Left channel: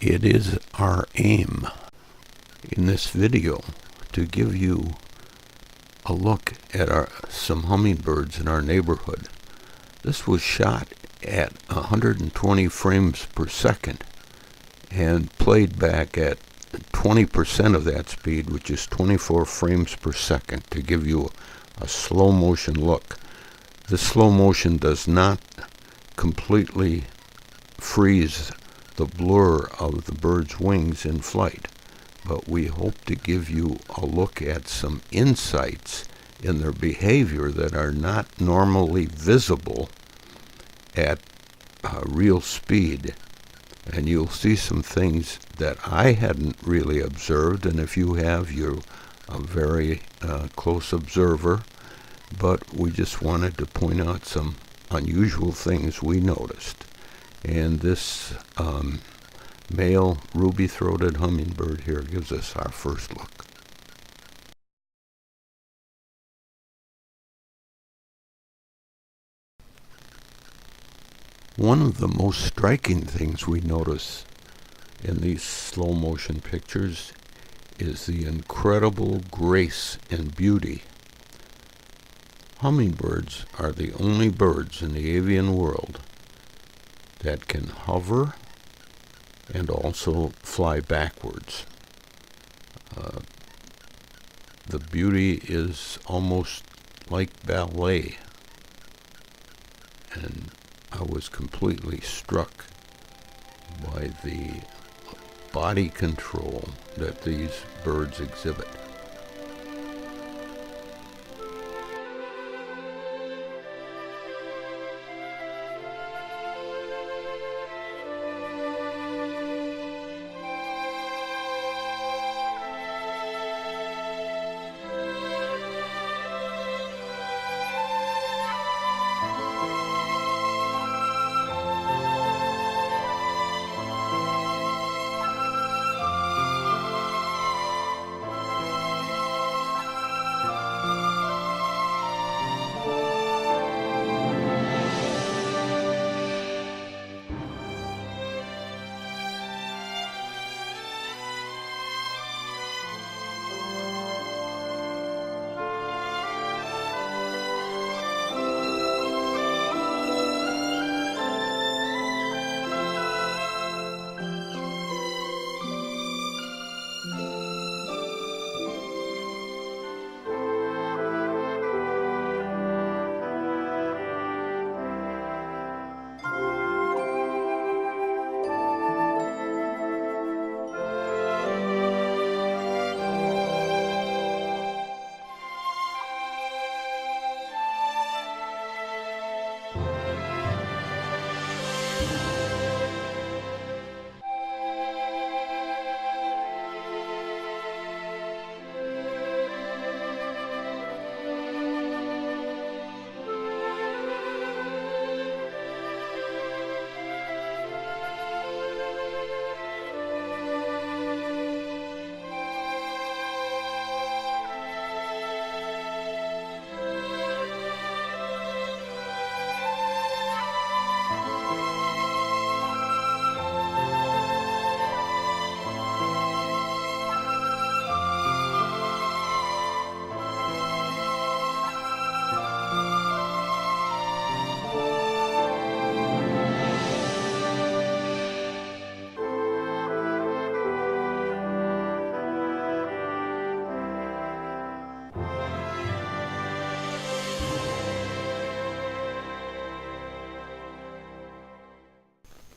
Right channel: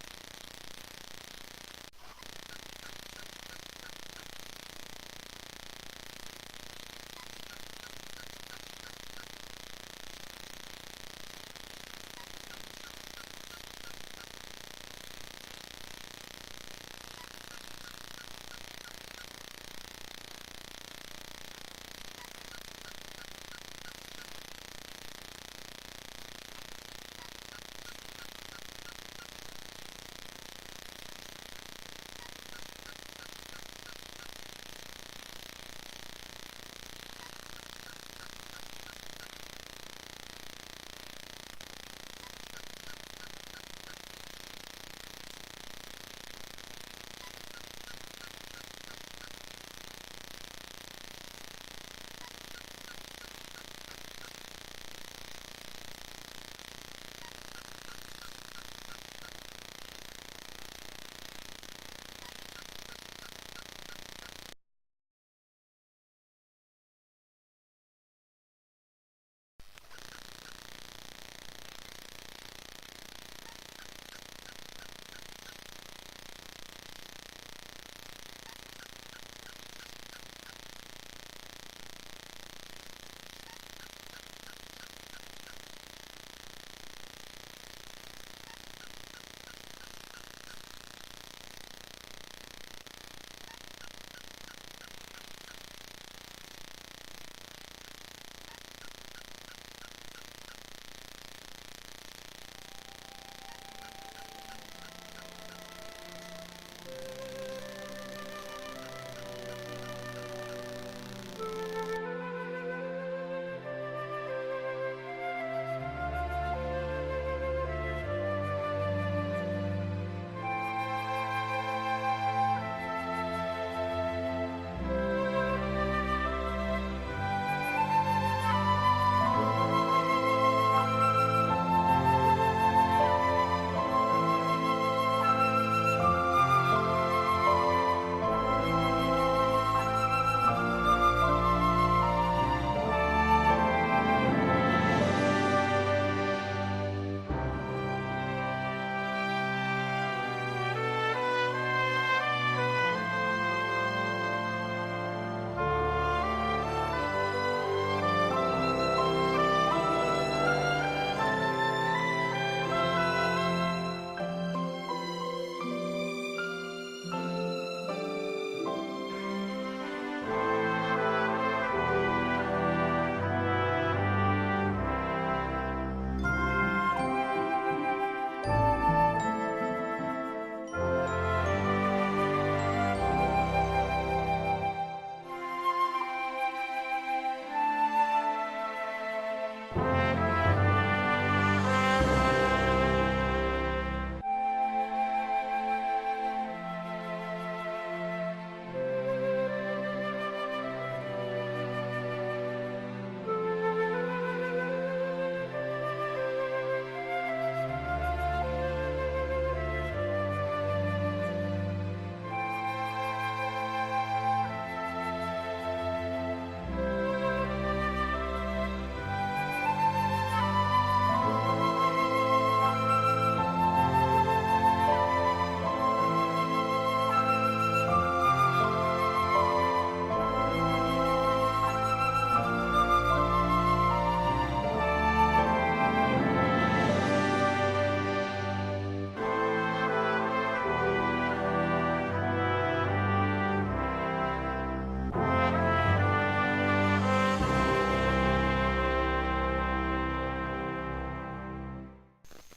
It is our aim in this video to give you a look at some hummingbirds in our neighborhood. This was shot at 120 frames per second and played back at 20% of that speed, which is 24 frames per second, to give you a slow motion look. The slow motion does not completely freeze the blur of the bird's wings in flight, but we hope to give you a look at some insights in their behavior that are not normally visible at real speed. And you'll see some things that I hadn't really observed, and if you have, you're a very close observer, but we just wanted to point out some unusual things we noticed. And this male ruby-throated hummingbird here gives us our first look. One of the most striking things we notice in these slow motion pictures is the incredible grace and beauty. Hummingbirds are the only birds in the avian world that can hover and also fly backwards. The beauty is almost like ballet, and I was completely struck by the body control that these birds exhibit.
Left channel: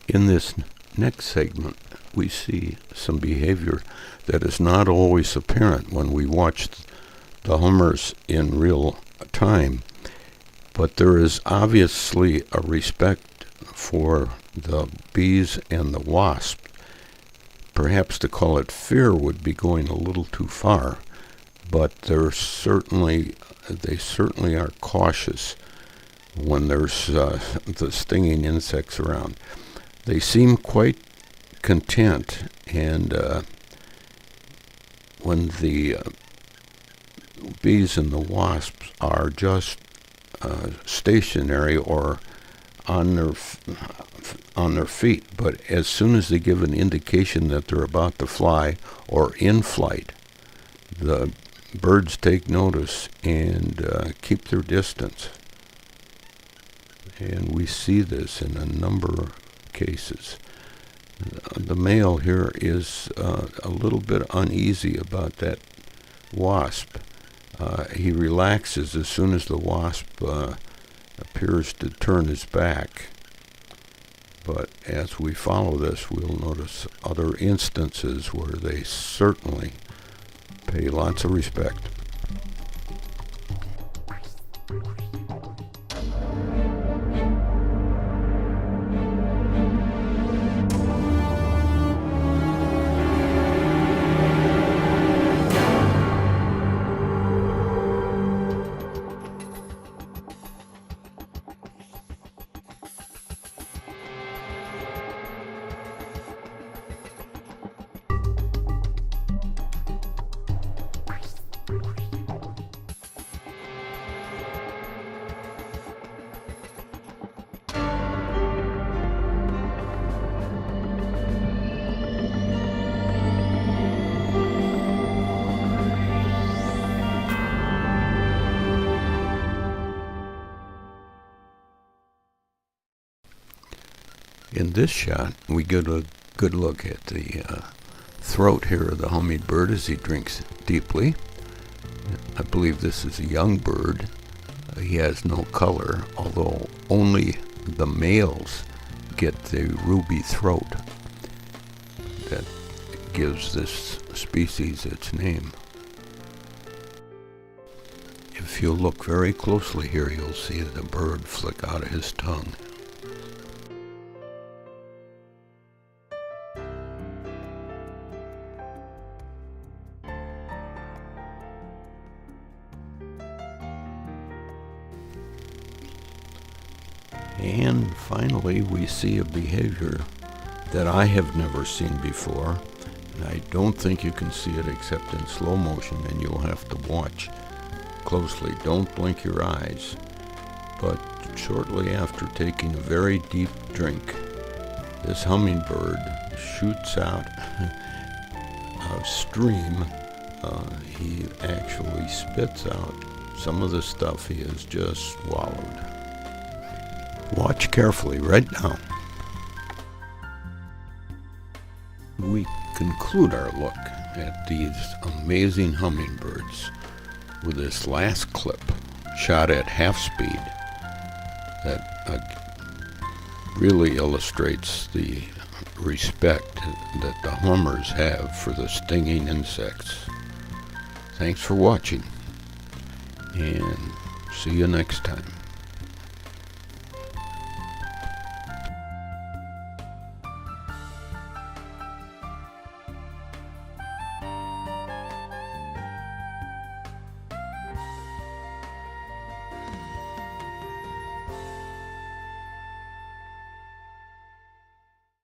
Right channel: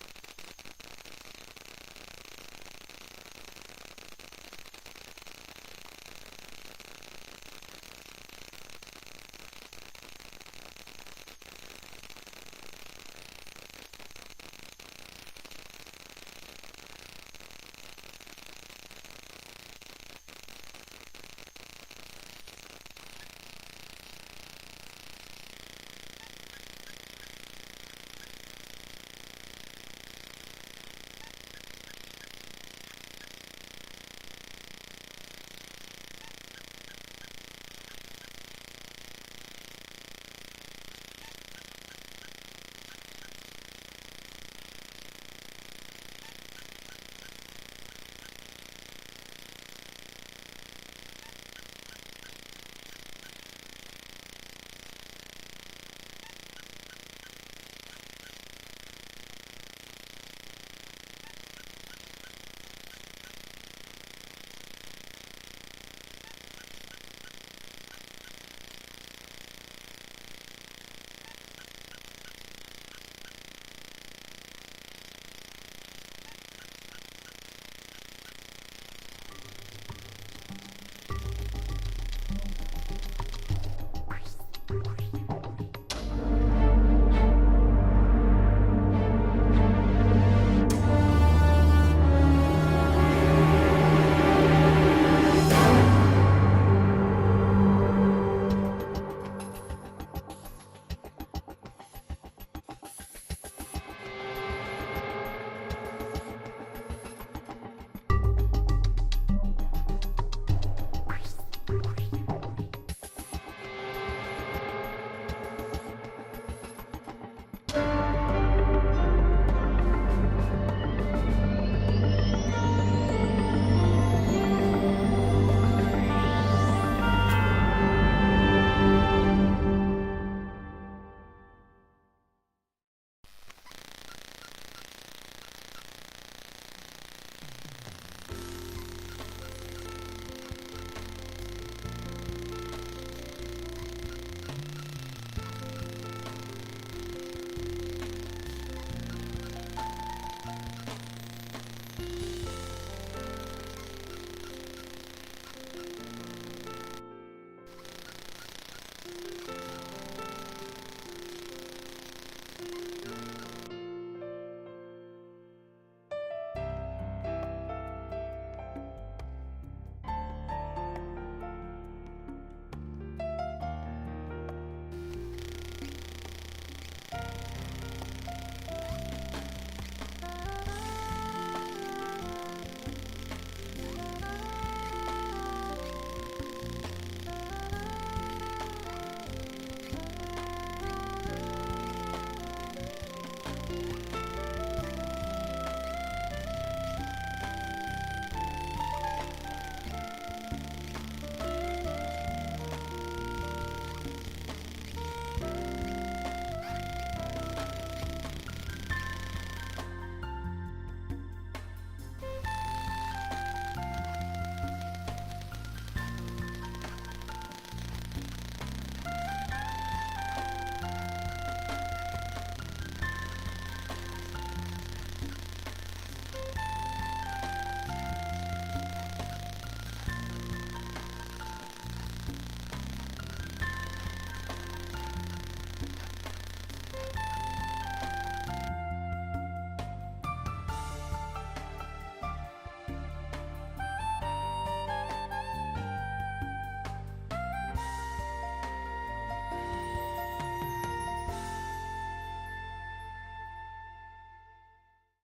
In this next segment, we see some behavior that is not always apparent when we watch the hummers in real time, but there is obviously a respect for the bees and the wasp. Perhaps to call it fear would be going a little too far, but they certainly are cautious when there's the stinging insects around. They seem quite content, and when the bees and the wasps are just stationary or on their on their feet, but as soon as they give an indication that they're about to fly or in flight, the birds take notice and keep their distance. And we see this in a number of cases. The male here is a little bit uneasy about that wasp. He relaxes as soon as the wasp appears to turn his back. But as we follow this, we'll notice other instances where they certainly pay lots of respect. In this shot, we get a good look at the throat here of the hummingbird as he drinks deeply. I believe this is a young bird. He has no color, although only the males get the ruby throat that gives this species its name. If you look very closely here, you'll see the bird flick out of his tongue. And finally, we see a behavior that I have never seen before. I don't think you can see it except in slow motion, and you'll have to watch closely. Don't blink your eyes. But shortly after taking a very deep drink, this hummingbird shoots out a stream. He actually spits out some of the stuff he has just swallowed. Watch carefully right now. We conclude our look at these amazing hummingbirds with this last clip shot at half speed that really illustrates the respect that the hummers have for the stinging insects. Thanks for watching, and see you next time.